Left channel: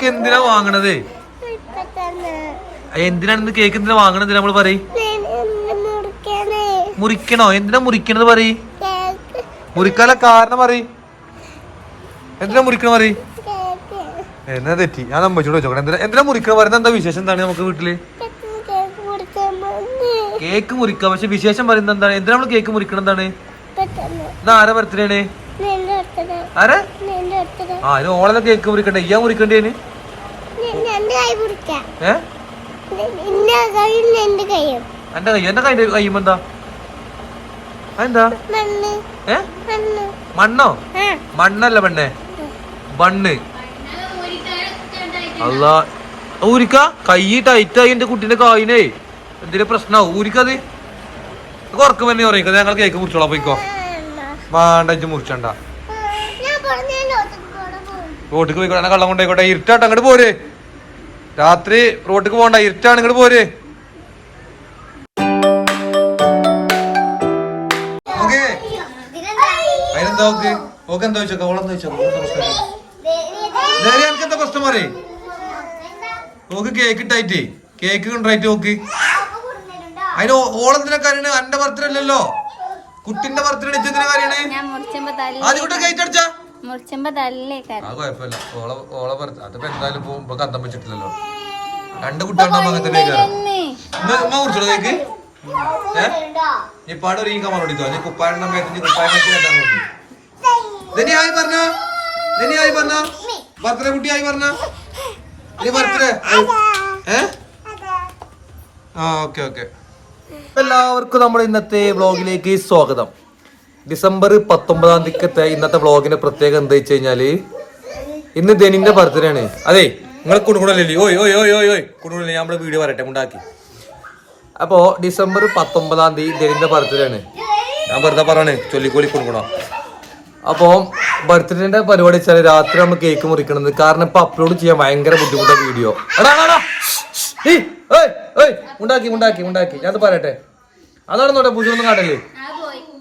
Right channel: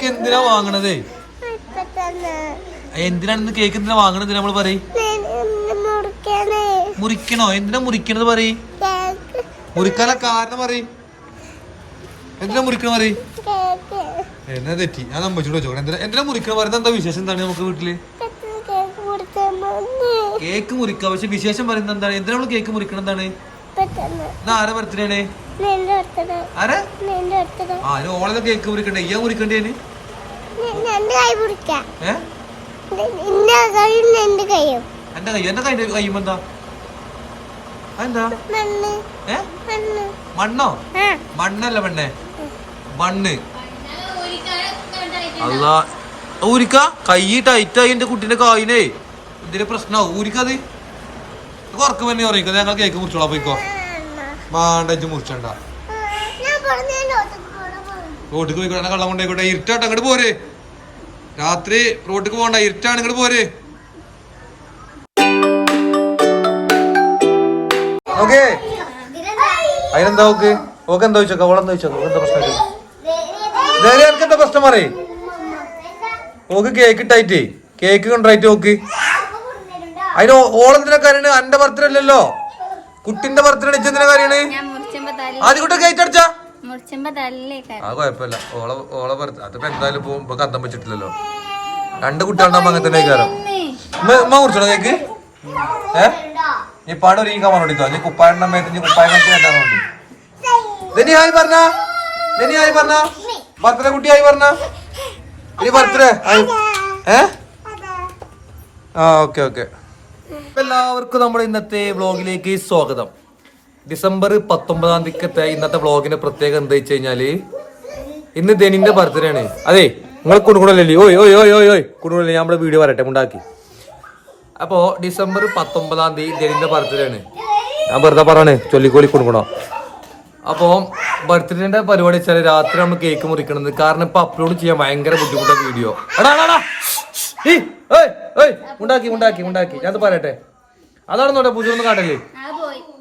Cake എന്തിനാ വാങ്ങണത് എന്തിനാണ് ഇന്ന് കേക്ക് എന്തിനാ വാങ്ങണത് നമ്മൾ പറയും. മുറിക്കണേ. എന്തിനാ മുറിക്കണത് പറയും. മുറിക്കാല കാരണം പറയും. എന്തിനാ മുറിക്കണ പറയും. എന്നാ തെറ്റി. ഞാൻ നമ്മച്ചോട് വെച്ചോ എന്തിനാ എന്തിനാ മുറിക്കണ പറയുന്നത്? എന്താ വിശേഷം? എന്താണ് നമുക്ക് വീട്ടിൽ? കേക്ക് മുറിക്കാം. പക്ഷെ വിശേഷം പറയുന്നത് എന്താണ്? എന്തിനാ നമ്മൾ കേക്ക് മുറിക്കണം എന്താണ്? ആരാ ബർത്ത്ഡേ ആണ് ആരാ? ആ ഓളെ കേക്ക് മുറിക്കണ്ടേ? ഇയാ മുറിക്കണ്ടേന്? രണ്ട് കൈ മുറിക്കാം ഏ? നിന്റെ കൈയും എന്റെ കൈയും. എന്റെ കൈ എന്റെ കൈ കയ്യുമ്പോ എന്താ? അതെന്താ? മണ്ണ്. മണ്ണല്ല പെണ്ണെ. ബണ്ണ്. അല്ല ഊരിക്ക? കൈ ടൈറ്റായി എന്റെ കുട്ടീന്റെ കായിനേ എന്തിന്റെ പ്രശ്നാവും ഊരിക്കത്? കുറക്കും തന്നെ പറയും. ഞങ്ങൾ കേക്ക് മുറിച്ചോളാം പോയിക്കോ. വേണ്ട ഇത് മുറിച്ചണ്ട. റോട്ടിക്ക് പോയിക്കോട്ടെ എന്നെ കള്ളം കൊണ്ടായിക്കോട്ടെ ഇരുട്ടാട്ട് അങ്ങോട്ട് പോരെ. രാത്രി റോട്ടിക്ക് പോകണ്ട ഇരുട്ടാണ് ഇങ്ങോട്ട് പോരെ. ഓക്കേ. അതിനെന്താ ഓക്ക്? ഓക്ക് എന്താ വെച്ചോക്ക ഓളെന്താ വെച്ചോക്ക എന്താ പ്രശ്നം എനിക്ക് എന്താ പ്രശ്നം പറയേ? ഓക്ക് കേക്ക് ഇട്ടായിട്ടേ. കേക്ക് കൊണ്ടായിട്ട് ഓക്ക്. അതിന് ഓളെന്തിനാ കാര്യമാണ് അന്റെ ബർത്ത്ഡേ അല്ലല്ലോ. കുട്ടിന്റെ ബർത്ത്ഡേ അടിച്ചതിന്റെ കാര്യമാണ് ആദ്യം കൂട്ടം കേക്ക് അടിച്ചാ. അത് കുഴപ്പമില്ല. ഓളെ ഓളെ ബർത്ത് അതിപ്പോ എന്തായാലും ഇപ്പൊ കന്തം വെച്ചിട്ടില്ലല്ലോ. രണ്ട് കുട്ടികളുണ്ടാകുമ്പോ അങ്ങനെ തന്നെ കാരം ഉമ്മ കുടിച്ചോ കേക്ക്? ഏ? നീ പാട് ഒരു ഈ കമാൻ ഓടിക്കോ നീ കുപ്പായണ്ണ മേത്ത് നീ കുപ്പായം കേട്ടാ മതി ധനി ആയി പറഞ്ഞ? ധനി ആയി പറഞ്ഞ? ബർത്ത്ഡേ കുട്ടി ആയി പറഞ്ഞ? ഇനി ബർത്ത്ഡേ ഏ? ആ ഓക്കെ ഓക്കെ. എല്ലാവർക്കും നമ്മുടെ ഇന്നത്തെ വ്ളോഗിലേക്ക് സ്വാഗതം. ഡിസംബർ പത്തൊമ്പതാം തീയതിക്കത്തെ ഇന്നത്തെ വ്ളോഗിന്റെ പ്രത്യേകത എന്താ വെച്ച് കഴിഞ്ഞാൽ ഇന്ന് ധനിന്റെ ബർത്ത്ഡേ ആണ്. അതെ നിങ്ങൾ കുടുങ്ങണല്ലേ ഓയ് ഓയ് ഓയ് ഓയ് ഓയ്. ഞാൻ നമ്മുടെ വീഡിയോ വരട്ടെ ഉണ്ടാക്കി അപ്പോ ഡിസംബർ പത്തൊമ്പതാം തീയതി ധനിന്റെ ബർത്ത്ഡേ ആണ്. ഞാൻ വെറുതെ പറയാണ് ചൊല്ലിക്കോലി കൊടുക്കണോ അപ്പോൾ ബർത്ത്ഡേന്റെ പരിപാടി വെച്ചാൽ രാത്രി നമ്മൾ കേക്ക് മുറിക്കണത്. കാരണം ഇപ്പൊ അപ്ലോഡ് ചെയ്യാൻ ഭയങ്കര ബുദ്ധിമുട്ടാണ് വീഡിയോ എടാ എടാ, ഉണ്ടാക്കി ഉണ്ടാക്കി ഉണ്ടാക്കി ഞാൻ പറയട്ടെ. അതാണ് നോട്ടെ പൂജൊന്നും കാട്ടല്ലേ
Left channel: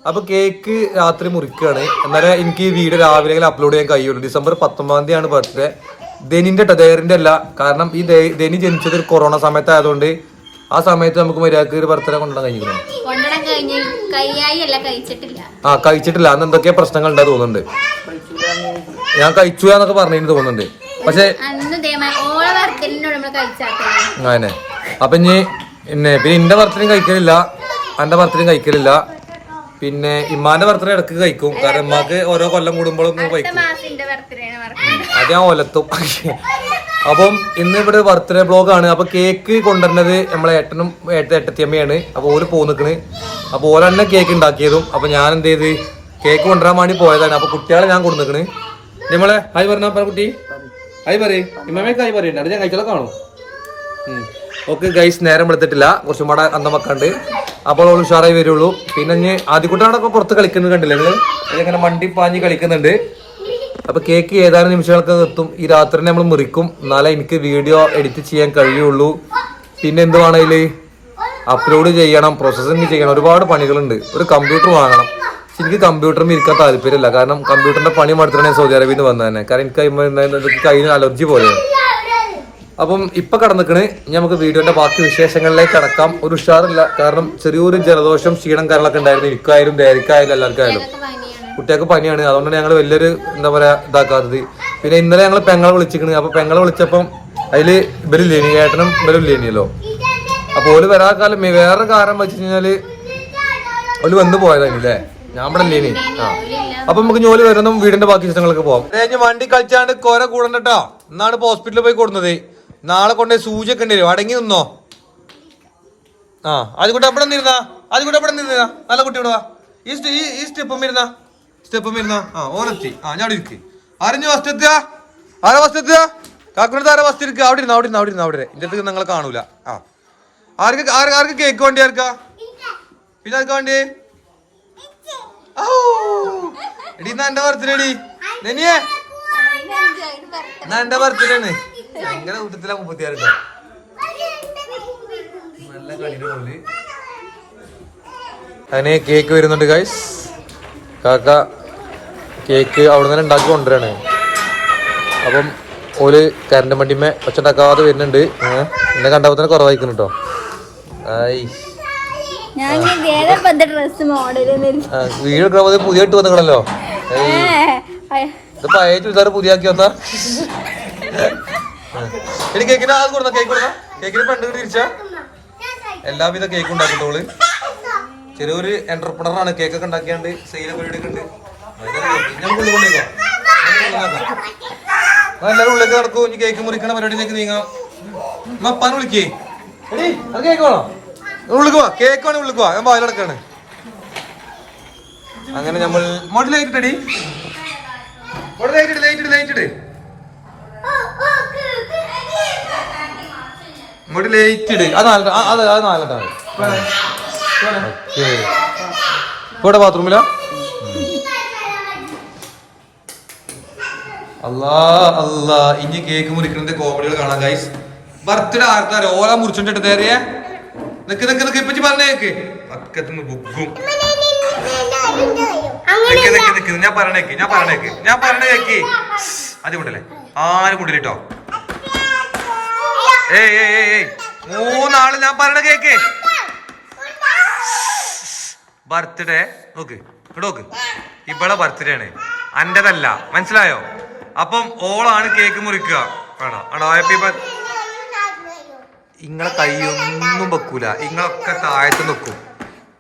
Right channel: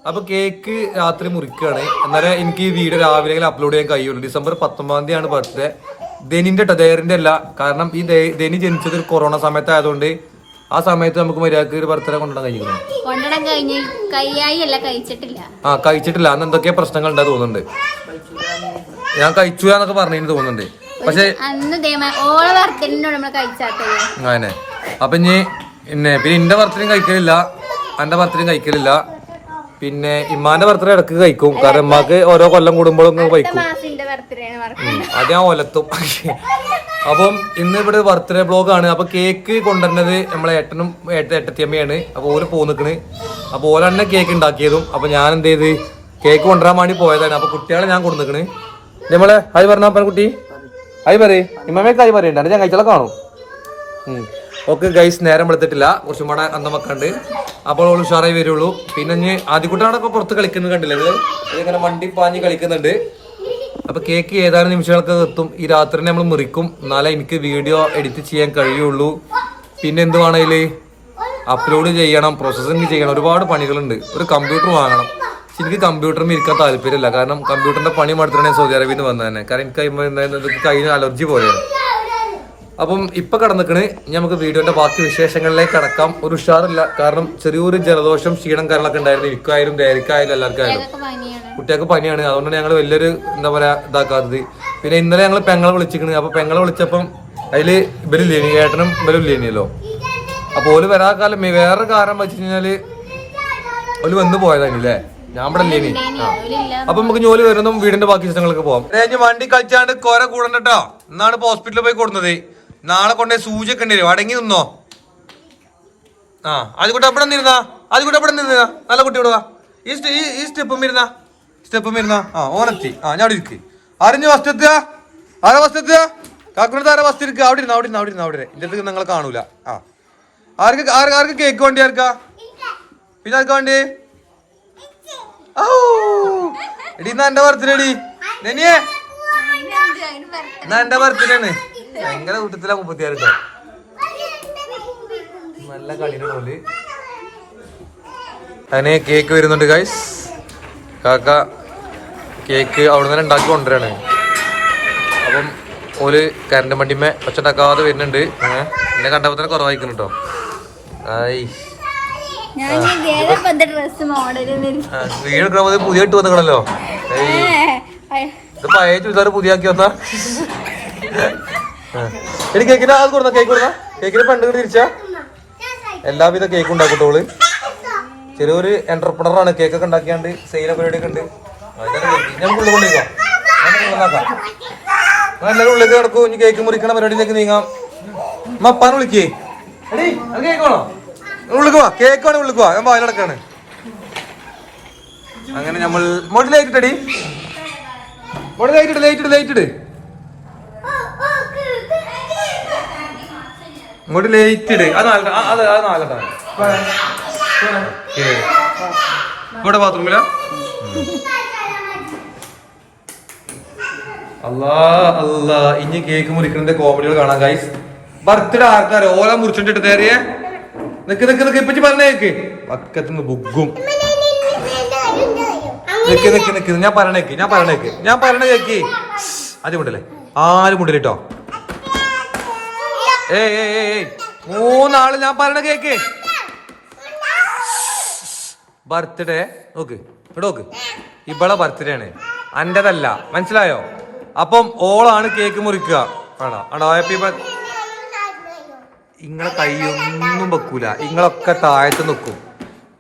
അപ്പൊ കേക്ക് രാത്രി മുറിക്കുകയാണ് എന്നാലും എനിക്ക് ഈ വീഡിയോ രാവിലെ അപ്ലോഡ് ചെയ്യാൻ കഴിയുള്ളൂ. ഡിസംബർ പത്തൊമ്പതാം തീയതിയാണ് ബർത്ത്ഡേ ധനിന്റെ കേട്ടോ അല്ല. കാരണം ഈ ധനി ജനിച്ചത് ഒരു കൊറോണ സമയത്തായതുകൊണ്ട് ആ സമയത്ത് നമുക്ക് മര്യാദയ്ക്ക് ഒരു ബർത്ത്ഡേ കൊണ്ടുവരാൻ കഴിഞ്ഞിരുന്നു? ആ കഴിച്ചിട്ടില്ല. അന്ന് എന്തൊക്കെ പ്രശ്നങ്ങൾ ഉണ്ടാ തോന്നുന്നുണ്ട്. ഞാൻ കഴിച്ചു എന്നൊക്കെ പറഞ്ഞു തോന്നുന്നുണ്ട്. പക്ഷേ അങ്ങനെ. അപ്പൊ ഇനി പിന്നെ പിന്നെ എന്റെ ബർത്ത്ഡേയും കഴിക്കലില്ല. എന്റെ ബർത്ത്ഡേയും കഴിക്കലില്ല. പിന്നെ ഇമ്മാന്റെ ബർത്ത്ഡേ ഇടയ്ക്ക് കഴിക്കും. കാരണം ഇമ്മക്ക് ഓരോ കൊല്ലം കൂടുമ്പോഴും കഴിക്കും. അത് ഞാൻ ഒലത്തും. അപ്പം ഇന്ന് ഇവിടെ ബർത്ത്ഡേ ബ്ലോഗ് ആണ്. അപ്പൊ കേക്ക് കൊണ്ടുവരുന്നത് നമ്മളെ ഏട്ടനും ഏട്ട ഏട്ടത്തിയമ്മയാണ്. അപ്പൊ ഓൽ പോന്നിക്കണ്. നിക്കണ് അപ്പൊ ഓല തന്നെ കേക്ക് ഉണ്ടാക്കിയതും. അപ്പൊ ഞാൻ എന്ത് ചെയ്ത്? കേക്ക് കൊണ്ടുവരാൻ വേണ്ടി പോയതാണ്. അപ്പൊ കുട്ടികളെ ഞാൻ കൊടുന്നിക്കണ് നമ്മളെ ഹായ് പറഞ്ഞ കുട്ടി. ഹായ് പറയേ. ഇമ്മമ്മയൊക്കെ ഹായ് പറയണ്ട. ഞാൻ കഴിച്ചാൽ കാണും. ഓക്കെ ഗൈസ് നേരം വെളുത്തിട്ടില്ല കുറച്ചും കൂടെ അന്നമൊക്കെ അപ്പോൾ അവൾ ഉഷാറായി വരുള്ളൂ. പിന്നെ ഇനി ആദ്യക്കുട്ടികളൊക്കെ പുറത്ത് കളിക്കുന്നത് കണ്ടില്ലേ നിങ്ങൾ? ഇങ്ങനെ വണ്ടി പാഞ്ഞ് കളിക്കുന്നുണ്ട്. അപ്പൊ കേക്ക് ഏതാനും നിമിഷങ്ങൾക്ക് എത്തും. ഈ രാത്രി നമ്മൾ മുറിക്കും. എന്നാലേ എനിക്ക് വീഡിയോ എഡിറ്റ് ചെയ്യാൻ കഴിയുള്ളൂ. പിന്നെ എന്ത് വേണേൽ അപ്ലോഡ് ചെയ്യണം പ്രോസസ്സിങ് ചെയ്യണം. ഒരുപാട് പണികളുണ്ട്. ഒരു കമ്പ്യൂട്ടർ വാങ്ങണം. എനിക്ക് കമ്പ്യൂട്ടറിൽ ഇരിക്കാൻ താല്പര്യമില്ല. കാരണം കമ്പ്യൂട്ടറിന്റെ പണി മടുത്തിട്ടാണ് സൗദി അറേബ്യയിൽ നിന്ന് വന്നത് തന്നെ. കാരണം എനിക്ക് കഴിഞ്ഞ അലർജി പോലെയാണ്. അപ്പം ഇപ്പൊ കടന്നിക്കണ്. നമുക്ക് വീഡിയോന്റെ ബാക്കി വിശേഷങ്ങളിലേക്ക് കടക്കാം. ഒരു ഉഷാറില്ല. കാരണം ചെറിയൊരു ജലദോഷം ക്ഷീണം കാര്യങ്ങളൊക്കെ ഉണ്ടായിരുന്നു. എനിക്കായാലും ദേരിക്കായാലും എല്ലാവർക്കും ആയാലും പനിയാണ്. കുട്ടികൾക്ക് പനിയാണ്. അതുകൊണ്ടാണ് ഞങ്ങൾ വലിയൊരു എന്താ പറയാ ഇതാക്കാത്തത്. പിന്നെ ഇന്നലെ ഞങ്ങൾ പെങ്ങളെ വിളിച്ചിക്കണ്. അപ്പൊ പെങ്ങളെ വിളിച്ചപ്പം അതിൽ ഇവരില്ലേനി ഏട്ടനും ഇവരില്ലേനിയല്ലോ അപ്പൊ ഓൽ വരാ കാലം വേറെ കാരണം വെച്ച് കഴിഞ്ഞാൽ ഓൽ വന്ന് പോയതാണ് അല്ലേ ഞാൻ ഇവിടെ ലീനി ആ. അപ്പൊ നമുക്ക് ജോലി വരുന്നതും വീടിന്റെ ബാക്കി വിശേഷങ്ങളൊക്കെ പോവാം. വണ്ടി കളിച്ചാണ്ട് കൊര കൂടണ്ടോ എന്നാണ് ഇപ്പൊ ഹോസ്പിറ്റലിൽ പോയി കൊടുന്നത്. നാളെ കൊണ്ടേ സൂചി ഒക്കെ ഉണ്ടല്ലോ അടങ്ങി നിന്നോ. ആ അത് കൂട്ടി എവിടെ നിന്നിരുന്നാ. അതുകൂടെ എവിടെ നിന്നിരുന്നാ. നല്ല കുട്ടി ഇവിടെ വാ. ഈ ഈ- സ്റ്റെപ്പും ഇരുന്ന സ്റ്റെപ്പും ഇരുന്ന ആ ഓനെത്തി. ആ ഞാൻ അവിടെ ഇരിക്ക്. അറിഞ്ഞു ഫസ്റ്റ് എത്തുക? ആരാ ഫസ്റ്റ് എത്തുക? കാക്കുനടുത്ത് ആരാ ഫസ്റ്റ് ഇരിക്കുക? അവിടെ ഇരുന്ന് അവിടെ ഇരുന്ന് അവിടെ ഇരുന്ന് അവിടെ ഇന്റെ അടുത്ത് നിങ്ങൾ കാണൂല. ആ. ആർക്ക് ആർക്ക് ആർക്ക് കേക്ക് വേണ്ടി ആർക്കാ? പിന്നെ ആർക്കാ വേണ്ടി? ഔ. എടി എന്നാ എന്റെ ബർത്ത്ഡേ എടി നെനിയേ. എന്നാ എന്റെ ബർത്ത്ഡേ ആണ് ഭയങ്കര കൂട്ടത്തിലാ മുപ്പത്തിയാറ് നല്ല കളിയുടെ പോലെ അങ്ങനെ കേക്ക് വരുന്നുണ്ട് ഗൈസ് കാക്ക കേക്ക് അവിടെ നിന്ന് ഉണ്ടാക്കി കൊണ്ടുവരാണ്. അപ്പം ഓൽ കരണ്ട് വണ്ടിമേ ഒച്ചുണ്ടാക്കാതെ വരുന്നുണ്ട്. എന്നെ കണ്ടപ്പോ തന്നെ കുറവായിക്കുന്നു കേട്ടോ വീട് പുതിയ ഇട്ട് വന്നിക്കണല്ലോ. ഇത് പഴയ ചുരിദാർ പുതിയാക്കി വന്നാ ആ. എടി കേക്കിന് അത് കൊടുന്ന കേക്ക് കൊടുന്ന കേക്കിന് പണ്ട് തിരിച്ചാ? എല്ലാവിധ കേക്ക് ഉണ്ടാക്കട്ടോൾ ചെറിയൊരു എന്റർപ്രണർ ആണ്. കേക്ക് ഒക്കെ ഉണ്ടാക്കിയാണ്ട് സെയിലും പരിപാടി ഒക്കെ ഉണ്ട്. ഞങ്ങൾക്ക് ഉള്ളിൽ കൊണ്ടിരിക്കാം എല്ലാവരും ഉള്ളിലേക്ക് കിടക്കും ഇനി കേക്ക് മുറിക്കണ പരിപാടിയിലേക്ക് നീങ്ങാം. മപ്പാൻ വിളിക്കേ എടി അത് കേക്ക് വേണോ? വാ. കേക്ക് വേണേ ഉള്ളിക്ക് വാ. ഞാൻ വായിലടക്കാണ് അങ്ങനെ നമ്മൾ മോട്ടിൽ ലൈറ്റ് ഇട്ടടി മോട്ടിൽ ലൈറ്റ് ഇട്ട് ലൈറ്റ് ഇട്ട് ലൈറ്റ് ഇട്ട് ഇങ്ങോട്ട് ലേറ്റ് ഇട്. അത് നാല് അത് അത് നാലെണ്ണം ഇവിടെ ബാത്റൂമില അല്ലാ അല്ലാ ഇനി കേക്ക് മുറിക്കണന്റെ കോമഡികൾ കാണാം ഗൈസ് ബർത്ത്ഡേ ആർക്കാരോ ഓല മുറിച്ചോണ്ടിട്ട് തേറിയേ നിക്ക് നിക്ക് നിക്ക്. ഇപ്പച്ചി പറഞ്ഞേക്ക് പക്കത്തുനിന്ന് ബുഗും നിക്ക് നിക്ക് നിക്ക്. ഞാൻ പറഞ്ഞേക്ക് ഞാൻ പറഞ്ഞേക്ക്. ഞാൻ പറഞ്ഞേക്ക്. ആദ്യം കൊണ്ടല്ലേ ആരും കൊണ്ടിട്ടോ ഏയ് ഏയ് ഏയ് ഏയ് മൂന്നാൾ ഞാൻ പറയണ കേക്ക്. ബർത്ത്ഡേ. നോക്ക് ഇവിടെ നോക്ക്. ഇവളെ ബർത്ത്ഡേ ആണ്. അന്റെതല്ല. മനസ്സിലായോ? അപ്പം ഓളാണ് കേക്ക് മുറിക്കുക. വേണോ ആണോ? ഹാപ്പി ബർത്ത് ഇങ്ങളെ കൈയൊന്നും വെക്കൂല. ഇങ്ങളൊക്കെ താഴത്ത് നിൽക്കും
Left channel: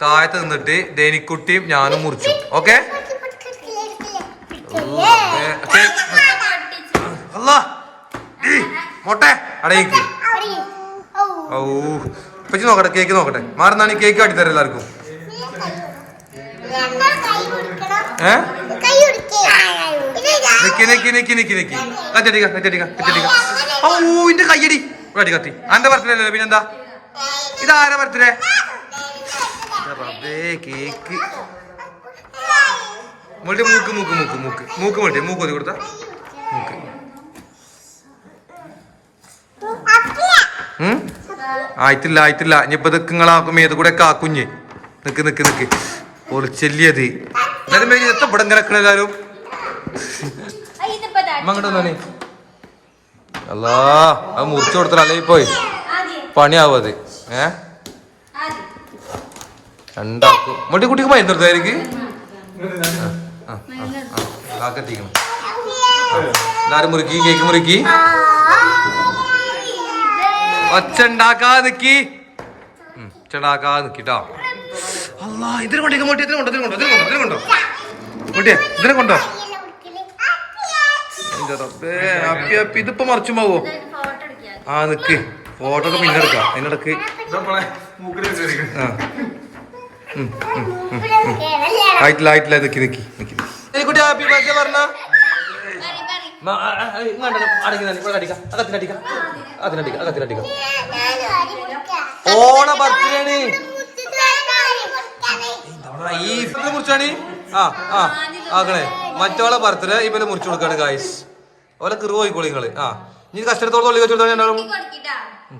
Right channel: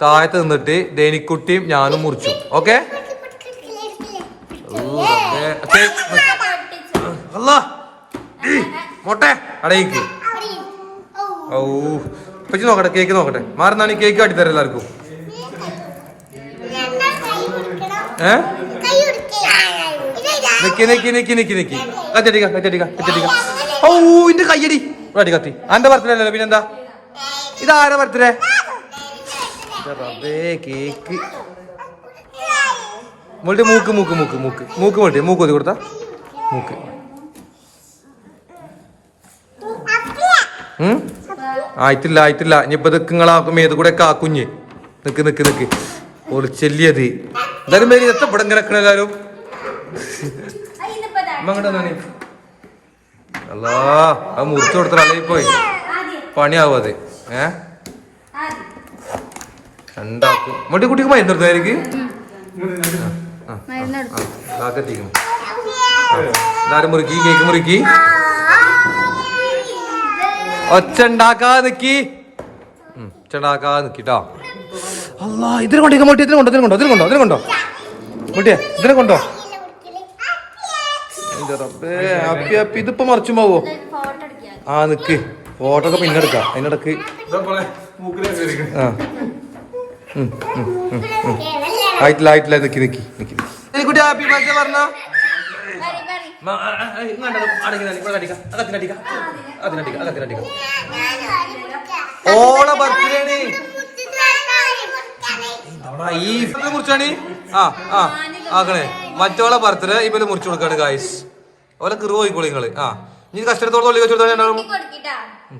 താഴത്ത് നിന്നിട്ട് ദേനിക്കുട്ടിയും ഞാനും മുറിച്ചു. ഓക്കെ? അല്ല മോട്ടെ. അടയിക്ക് ഓ ഇപ്പച്ചി നോക്കട്ടെ കേക്ക് നോക്കട്ടെ. മാറുന്നാണ് ഈ കേക്ക് കാട്ടിത്തരാം എല്ലാവർക്കും. ഏ? കയ്യടി. കത്തി. അന്റെ ബർത്ത്ഡേ പിന്നെന്താ? ഇതാരാ ബർത്ത്ഡേ കേക്ക് മോളുടെ മൂക്ക് മൂക്ക് മൂക്ക് മൂക്ക്. മൂക്ക് മോട്ടി മൂക്ക് ഒതി കൊടുത്ത? മൂക്ക്. ഉം? ആയിട്ടില്ല ആയിട്ടില്ല. ഇനിയിപ്പോ ഇതൊക്കെ ഏത് കൂടെ കാക്കുഞ്ഞ് നിക്ക് നിക്ക് നിക്ക്. ഒളിച്ചെല്ലിയത് എന്തായാലും മേരി എത്ര ഇവിടെ ഇങ്ങനെ എല്ലാരും? അങ്ങോട്ട് വന്നാണേ അല്ലാ അത് മുറിച്ചു കൊടുത്ത അല്ലെങ്കിൽ പോയി. പണിയാവും അത്. ഏ? രണ്ടാക്കും. മണ്ടി കുട്ടിക്ക് മരുന്ന് ആ ആ എല്ലാരും മുറുക്കി കേക്ക് മുറുക്കി. ഒച്ച ഉണ്ടാക്കാതെ നിക്കി ഒച്ച ഉണ്ടാക്കാതെ നിക്കിട്ടോ അല്ലാ ഇതിനെ കൊണ്ടേ മോട്ടി ഇതിനെ കൊണ്ടോ ഇതിനെ കൊണ്ടോ ഇതിനെ കൊണ്ടോ ഇതിനെ കൊണ്ടോ. മോട്ടിയെ ഇതിനെ കൊണ്ടോ. എന്റെ റബ്ബേ ഹാപ്പി ഹാപ്പി ഇതിപ്പോ മറിച്ചു പോവോ ആ നിക്ക്. ഫോട്ടോ ഒക്കെ പിന്നെ എടുക്കാം. അതിനിടക്ക് ആ. ആയിട്ടില്ല ആയിട്ടില്ല നിക്കി നിക്കി നിക്കി കുട്ടി ഹാപ്പി ബർത്ത്ഡേ പറഞ്ഞ. ഓളെ ബർത്ത്ഡേ ആണ്. ഈ ഇവരെ മുറിച്ചാണ്? ആ ആ ആക്കണേ. മറ്റോളെ ബർത്ത്ഡേ ഇവർ മുറിച്ചു കൊടുക്കാണ് ഗായ്സ് ഓലെ കിറു പോയിക്കോളി നിങ്ങൾ ആ ഇനി കസ്റ്റഡത്തോളം തൊള്ളി വെച്ചു ഞാൻ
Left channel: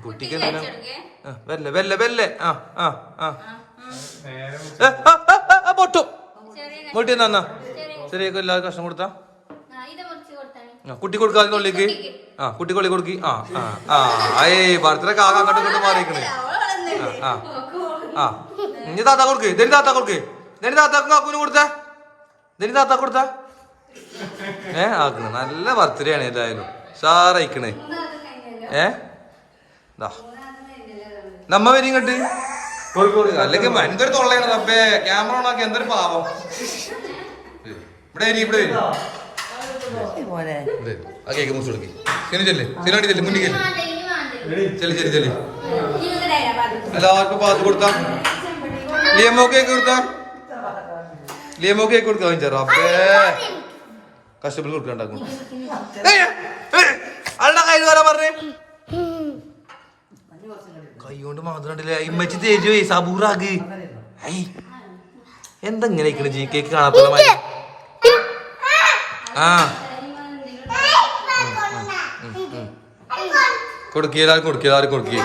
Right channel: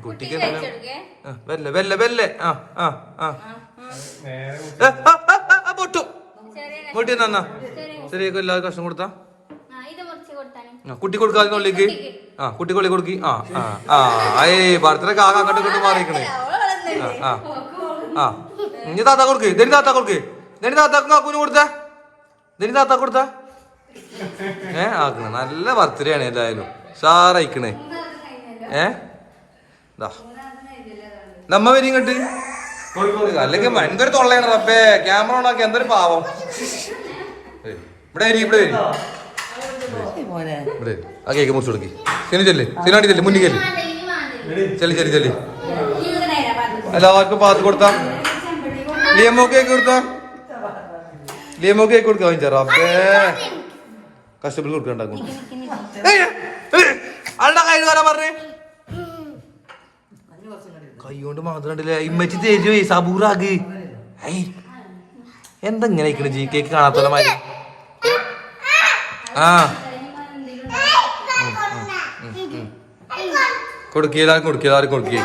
കുട്ടിക്ക് എന്തിനാ വെല്ലേ വെല്ല വെല്ലേ. ആ ആ ആ. പൊട്ടു. പൊട്ടി എന്നാ? ശരി എല്ലാവർക്കും കഷ്ടം കൊടുത്താ? കുട്ടി കൊടുക്കാതെ ഉള്ളിക്ക് ആ കുട്ടി കൊള്ളി കൊടുക്കി. ആ ആ ആ ഏ ഭർത്തനൊക്കെ ആകെ അങ്ങോട്ട് ഇങ്ങോട്ട് മാറിയിക്കണേ. ആ ആ ആ. ഇനി താത്ത കൊടുക്ക്. ദനി താത്ത കൊടുക്ക്? ദനി താത്താക്കും കാക്കൂന് കൊടുത്ത? ദനി താത്ത കൊടുത്ത? ഏ ആക്കണേ. നല്ല ബർത്ത്ഡേ ആണ് ഏതായാലും. സാറയിക്കണേ ഏ? ദാ. നമ്മ വരി ഇങ്ങോട്ട്. അല്ലെങ്കിൽ എന്തൊരു തൊള്ളയാണ് റബ്ബേ. ക്യാമറ ഓണാക്കി എന്തൊരു പാവം. ഇവിടെ വരി ഇവിടെ വരി. ഇവിടെ. ആ കേക്ക് മുറിച്ചു കൊടുക്കി. ചെല്ല്. ചെല്ല് മുന്നിൽ ചെല്ല് ചെല്ലി ചെല്ലി ചെല്ലി. എല്ലാവർക്കും പാത്ത് കൊടുത്താ ലിയമോ കേക്ക് കൊടുത്താ? ലിയമോ കേക്ക് കൊടുക്കാൻ വേണ്ടി റബ്ബേ കഷ്ടപ്പെട്ട് കൊടുക്കണ്ടാക്കും അല്ല കൈ വരാൻ പറഞ്ഞേ? കൈ കൊണ്ട് മാത്രം കണ്ടില്ലേ? ഇമ്മച്ചി തരുവേ സബൂറാക്ക് എന്താ ഇങ്ങനെ കേക്ക് കാണാത്ത മാതിരി ആ. കൊടുക്കിയതാ കൊടുക്കുക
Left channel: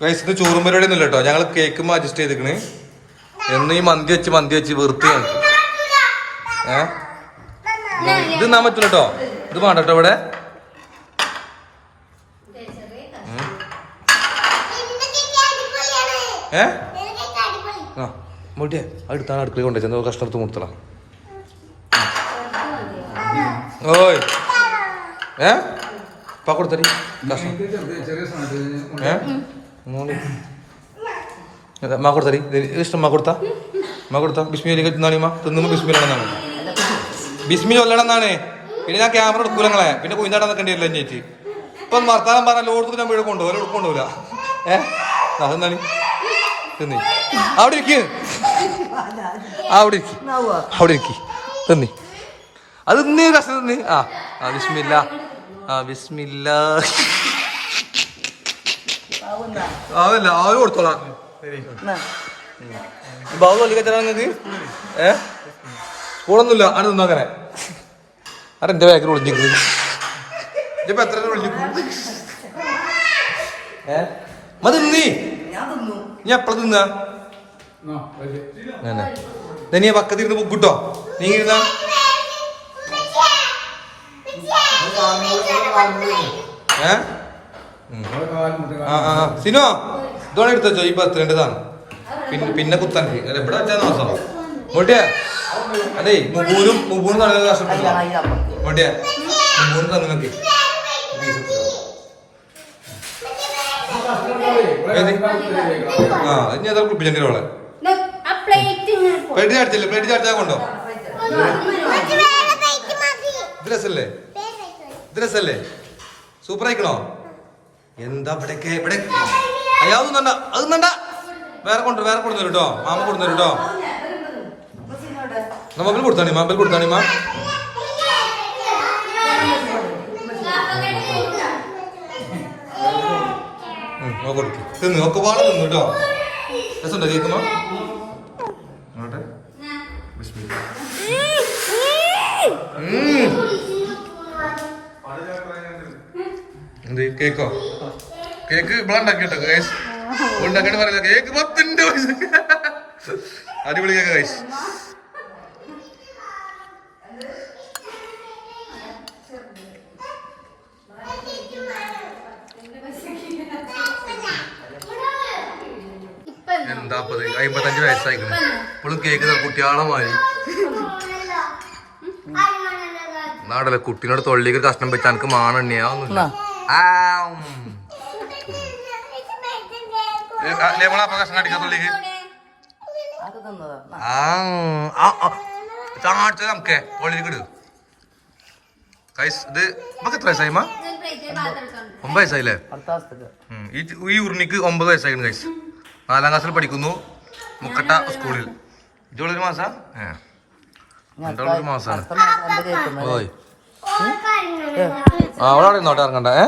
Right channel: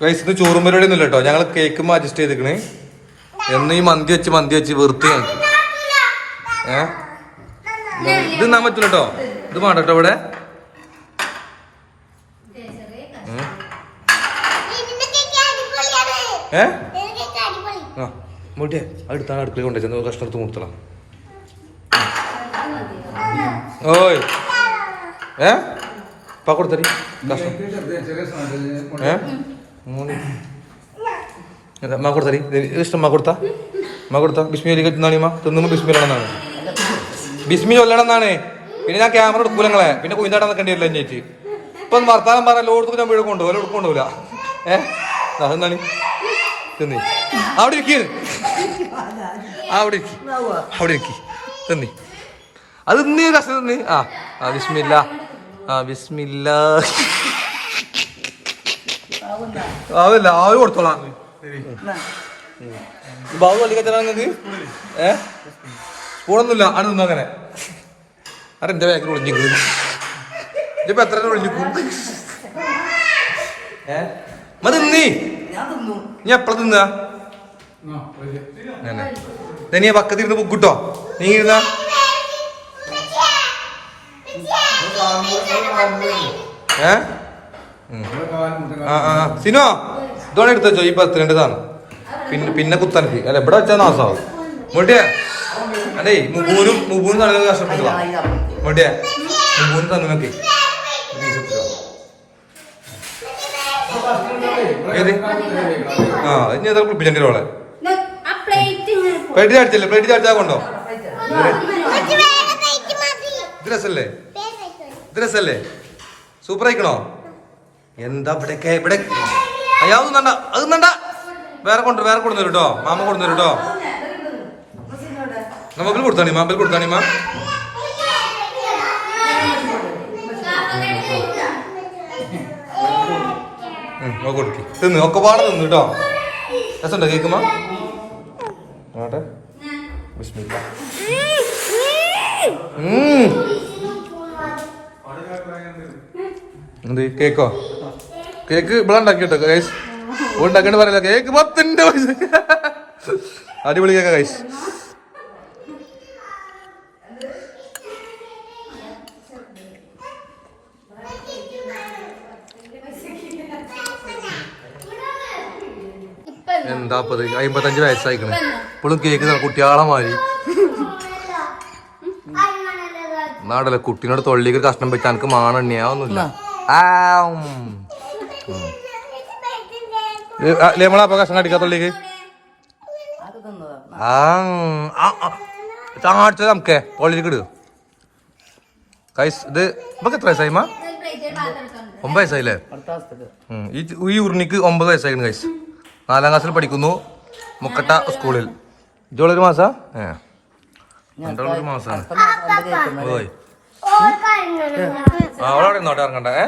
വയസ്സിന് ചോറും പരിപാടി ഒന്നും കേട്ടോ ഞങ്ങൾ കേക്ക് അഡ്ജസ്റ്റ് ചെയ്തിക്കണ് എന്ന് ഈ മന്തി വെച്ച് മന്തി വെച്ച് വെറുത്ത് ഞങ്ങൾക്ക് ഏ? ഇത് എന്നാ പറ്റില്ല കേട്ടോ ഇത് വേണ്ട കേട്ടോ ഇവിടെ. ഏ? ആ. മുട്ടിയെ അടുത്താണ് അടുക്കളയിൽ കൊണ്ടു നമുക്ക് കഷ്ണം എടുത്ത് മുത്തള ഓയ്. ഏ? പാ കൊടുത്തരി കഷ്ണം ഏ? മാ കൊടുത്തരി ഇഷ്ടം മാ കൊടുത്ത? മാ കൊടുത്താ? ബിസ്മിയിലേക്ക് തിന്നാണി മാ തിന്നുമ്പോ ബിസ്മിയിലാണെന്നാണ് ബിസ്മി ചൊല്ലണമെന്നാണ്. പിന്നെ ഞാൻ ക്യാമറ എടുക്കൂല നിങ്ങളെ. പിന്നെ കുഞ്ഞാടാൻ നിൽക്കേണ്ടി വരില്ല അന്വേഷിച്ച് ഇപ്പൊ ഒന്ന് വർത്താനം പറഞ്ഞാലോ ഓടുത്തു ഞാൻ വീട് കൊണ്ടുപോകും. കൊണ്ടുപോകില്ല. ഏഹ് അതെന്താണ്? തിന്നി. അവിടെ ഇരിക്ക്. അവിടെ ഇരിക്ക്. അവിടെ ഇരിക്ക്. തിന്നി. അത് തിന്നി കഷ്ണം തിന്നി. ആ ആ ബിസ്മില്ല. ആ വിസ്മില്ല ആവില്ല ആവി കൊടുത്തോളാം. ബാബു പള്ളി കച്ചറാങ്ങക്ക് ഏ? സ്പൂണൊന്നുമില്ല ആണ് നിന്നു അങ്ങനെ? അതെന്താ ബാക്കിൽ ഒളിഞ്ഞിരിക്കുന്നത് ഇതിപ്പോ എത്ര ഒളിഞ്ഞിക്കും ഏ? മതി നീ. നീ എപ്പഴ തിന്നാ? നീ പക്കത്ത് ഇരുന്ന് ബുക്കിട്ടോ നീ ഇരുന്ന. ഏ? ഉം. ആ ആ ആ. സിനോ ഇതോടെ എടുത്തോ ഈ പത്തിരണ്ടതാണ് പിന്നെ പിന്നെ കുത്താൻ അല്ല ഇവിടെ വെച്ചാൽ നാസാവും. മുട്ടിയ അല്ലേ മുബൂനും മുബൂനും നല്ല എടുത്തില്ല മുട്ടിയ മുബൂനും തന്നൊക്കെ ഏത്? ആ ഇനി അതാ കുളിപ്പിച്ചെങ്കിലും അവളെ പ്ലേറ്റ് ചാടിച്ചല്ലേ? പ്ലേറ്റ് ചാടിച്ചാ കൊണ്ടോ? ഡ്രസ്സല്ലേ രസല്ലേ? സൂപ്പർ ആയിക്കണോ എന്താ ഇവിടെ. ഇവിടെ അയാൾ വേണ്ട. അതും വേണ്ട. വേറെ കൊണ്ട് വേറെ കൊണ്ടുവരും കേട്ടോ മാമ കൊണ്ടുവരും കേട്ടോ നമുക്ക് കൊടുത്താണി മാമ്പിൽ കൊടുത്താണി മാ. കൊടുക്ക്. തിന്ന് ഒക്കെ പാടെ തിന്നു കേട്ടോ. രസമുണ്ടോ കേക്കുമ്പോ നോട്ടെ. എന്ത് കേക്കോ? കേക്ക് ഇവിടെ ഉണ്ടാക്കിട്ടോ കൈസ് ഉണ്ടാക്കിട്ട് പറയില്ല കേക്ക് പൈസ അടിപൊളി കേക്കാ ഗൈസ് ഇപ്പത് അമ്പത്തഞ്ച് വയസ്സായിക്കണ്. ഇപ്പോഴും കേക്ക് കുട്ടിയാളെ മാറി നാടല്ലേ കുട്ടീനോട് തൊള്ളിക്ക് ഒരു കഷ്ണം വെച്ചാൽ എനിക്ക് മാണെണ്ണിയാവുന്നില്ല ആ, കഷ്ണം അടിക്കാ തൊള്ളിക്ക്? ആ. നമുക്ക് നമുക്കേ തൊള്ളിക്ക് ഇടുക കൈസ് ഇത് ഇപ്പൊക്കെ എത്ര വയസ്സായി മാ? പ്ലേറ്റ് പാത്രം എടുത്തോണ്ട് ഒമ്പത് വയസ്സായില്ലേ? ഈ ഉരുണിക്ക് ഒമ്പത് വയസ്സായിരുന്നു കൈസ്. നാലാം ക്ലാസ്സിൽ പഠിക്കുന്നു മുക്കട്ട സ്കൂളിൽ. ഇതോളൊരു മാസാ? ഏ. രണ്ടോളൊരു മാസാണ്. ഓയ്. ആ അവളവിടെ ഇന്നോട്ടെ ഇറങ്ങണ്ട ഏ?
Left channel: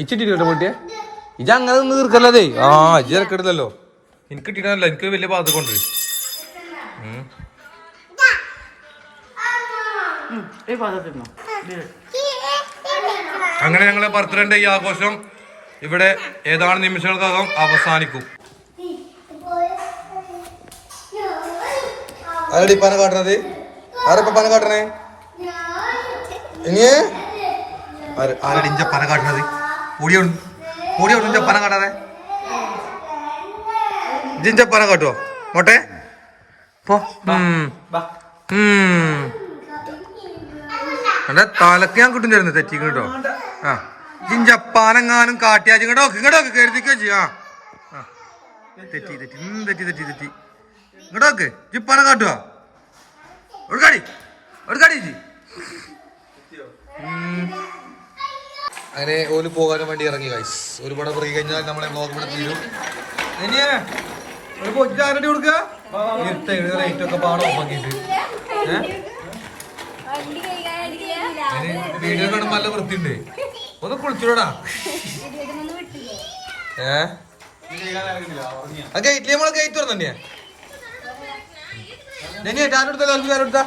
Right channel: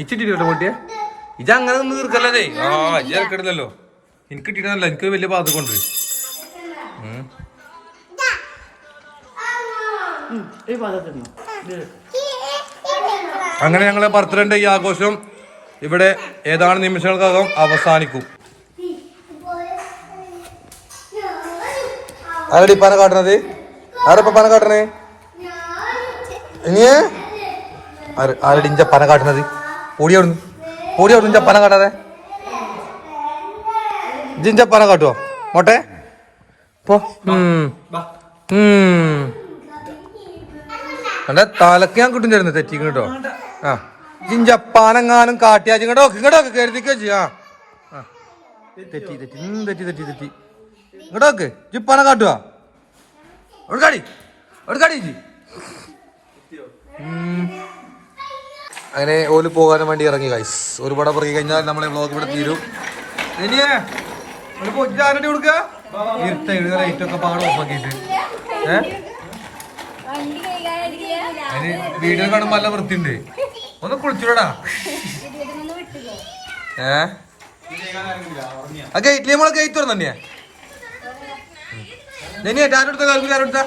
ഇച്ചിട്ടിട്ടോ കുട്ടിയെ ഇജ അങ്ങനെ നിന്ന് തീർക്കല്ലേ ആ ഇജ ഇറക്കിട്ടില്ലല്ലോ എനിക്ക് കിട്ടിയിട്ടല്ല എനിക്ക് വലിയ പാത്ത് കൊണ്ട് അങ്ങനെ ഞങ്ങളെ ബർത്ത്ഡേ ഈ ആഘോഷം ഇവിടെ ഏതാനും നിമിഷങ്ങൾക്കകം അവസാനിക്കും. ആരടി പന കാട്ടണത്? ആരപ്പ പന കാട്ടണേ? ഇനിയേ? ആര് ആരടി ഇഞ്ച പന കാട്ടണത്? ഓടിയോടുന്നു ഓടിയോടുന്നു ഇഞ്ച പന കാട്ടാതെ. ഇഞ്ച പന കാട്ടുവോ? മോട്ടെ പോ. തലക്ക് ഞാൻ കിട്ടും ചേരുന്നു തെറ്റിക്കും കേട്ടോ. ആ. ജിഞ്ചപ്പാനെങ്ങാനും കാട്ടിയാ ഇങ്ങോട്ടോ ഇങ്ങോട്ടോ കരുതിക്കോ ചെയ്യാ. ആ. തെറ്റി തെറ്റി തെറ്റി തെറ്റി തെറ്റി. ഇങ്ങോട്ടോക്ക് ജിപ്പാനെ കാട്ടുക എടുക്കാടി എടുക്കാടി ജി അങ്ങനെ ഓൽ പോകാനും വേണ്ടി ഇറങ്ങി കൈസ് ഒരുപാട് പുറകെ കഴിഞ്ഞാൽ നമ്മളെ വ്ളോഗ് ഇവിടെ തീരും. വീഡിയോ കാണുമ്പോൾ നല്ല വൃത്തിണ്ട് ഒന്ന് കുളിച്ചിടാ ഏ? ആ ഗേറ്റ് നമ്മളെ ഗേറ്റ് തുറന്നേ നെനിയെ ആരെടുത്ത കാൽക്കുല ആരെടുത്ത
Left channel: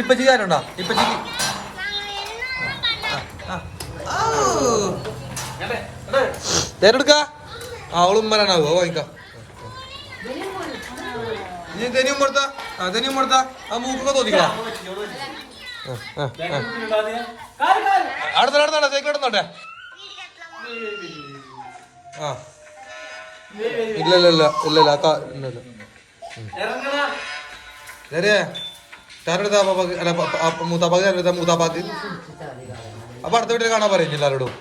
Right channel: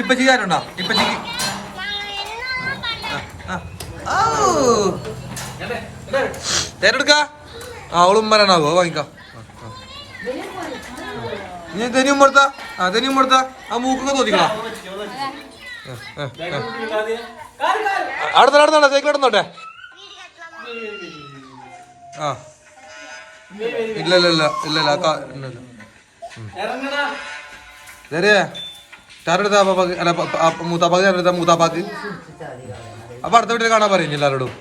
ഇപ്പച്ചി ആരുണ്ടാ ഇപ്പച്ചിക്ക് തേരെടുക്ക ആ അവളും വരാനാവോ? വാങ്ങിക്കാം. നീ തെനി ഉമ്മടുത്ത അതിന് കൊടുത്താ ആ മൂക്കൊക്കെ തോന്നിക്കളാ അടുത്ത അടുത്ത സൈക്കിൾ എടുത്തോട്ടെ ആ. ഇല്ല ഇല്ല ഇല്ല ഇല്ല ഇല്ല അക്ക ഇല്ല ഇല്ല ശരിയേ ചാരെടുത്ത അല്ല മൂത്താപ്പാക്ക് ചാരെടുത്ത മൂത്താപ്പാക്ക്. അപ്പൊ അടുത്ത വീട്ടിൽ കാണാൻ പറയുന്നില്ല എല്ലാവരോടും